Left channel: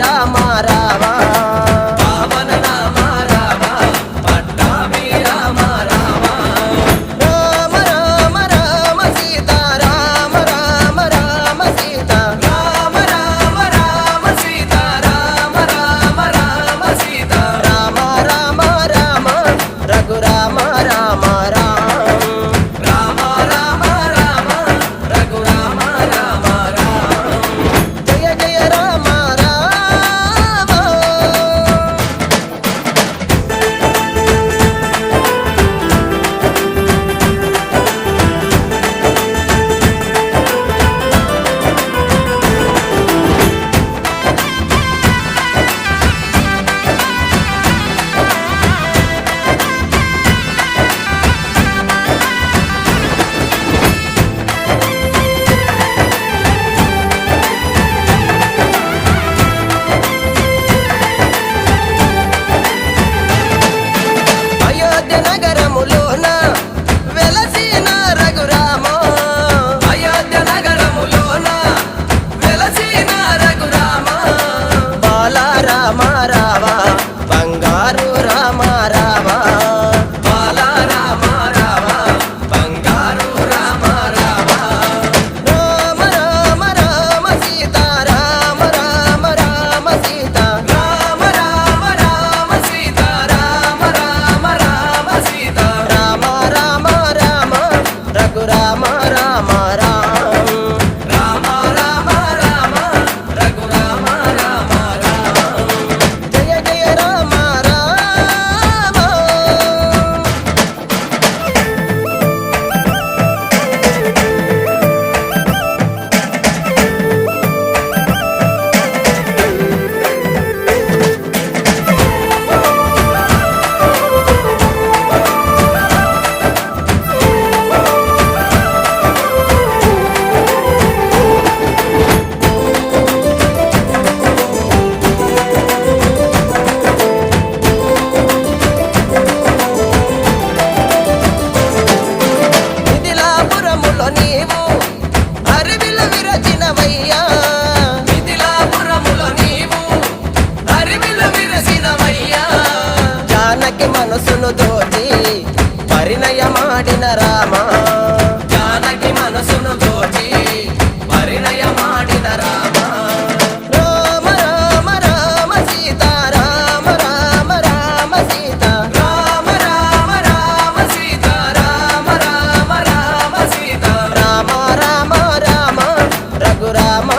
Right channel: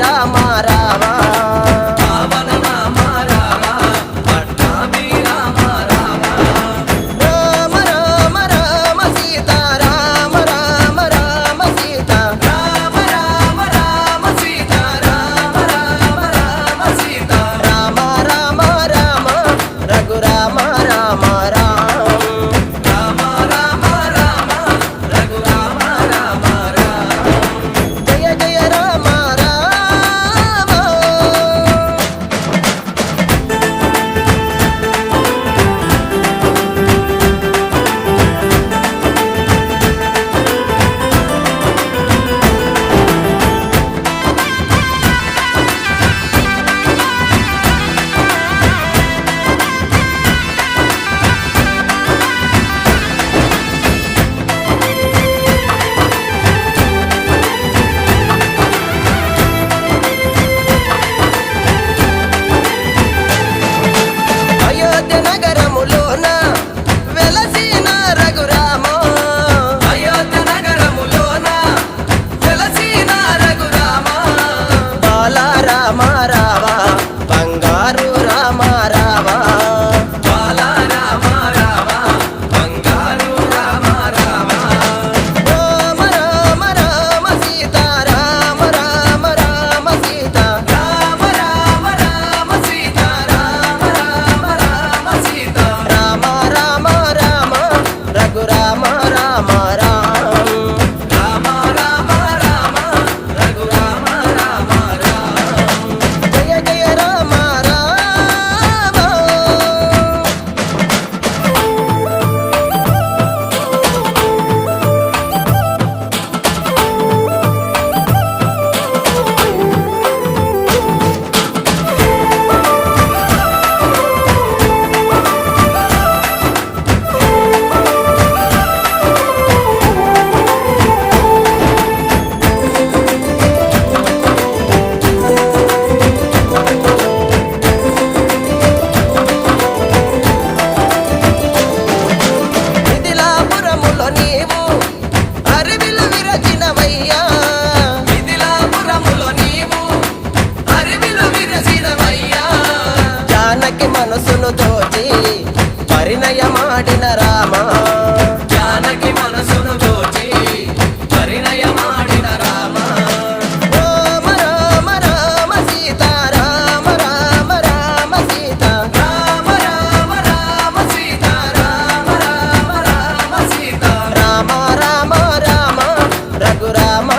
రామ రామ పావన నామ రామ పట్టాభి రామ రామ రామ రామ రామ సీత రామ రామ రామ సీత రామ రామ రామ సీత రామ రామ రామ సీత రామ రామ రామ రఘురామ రామ రామ రామ రామ రామ రఘురామ రామ రామ జయ జయ రామ రామ అయోధ్య నగరములోన వెలసిన రఘురామ అయోధ్య నగరములోన వెలసిన రఘురామ బాల రామ రామ బంగారు రామ రామ బాల రామ రామ బంగారు రామ రామ రామ రామ రామ సీత రామ రామ రామ సీత రామ రామ రామ సీత రామ రామ రామ సీత రామ రామ రామ రఘురామ రామ రామ రామ రామ రామ రఘురామ రామ రామ జయ జయ రామ రామ మిథిలాపురములో నీవు అరివిలు విరచినవయ్యా మిథిలాపురములో నీవు అరివిలు విరసినవయ్యా జానకి మనసును దోచి పరిణయమాడిన రామ జానకి మనసును దోచి పరిణయమాడిన రామ రామ రామ రామ సీత రామ రామ రామ సీత రామ రామ రామ సీత రామ రామ రామ సీత రామ రామ రామ రఘురామ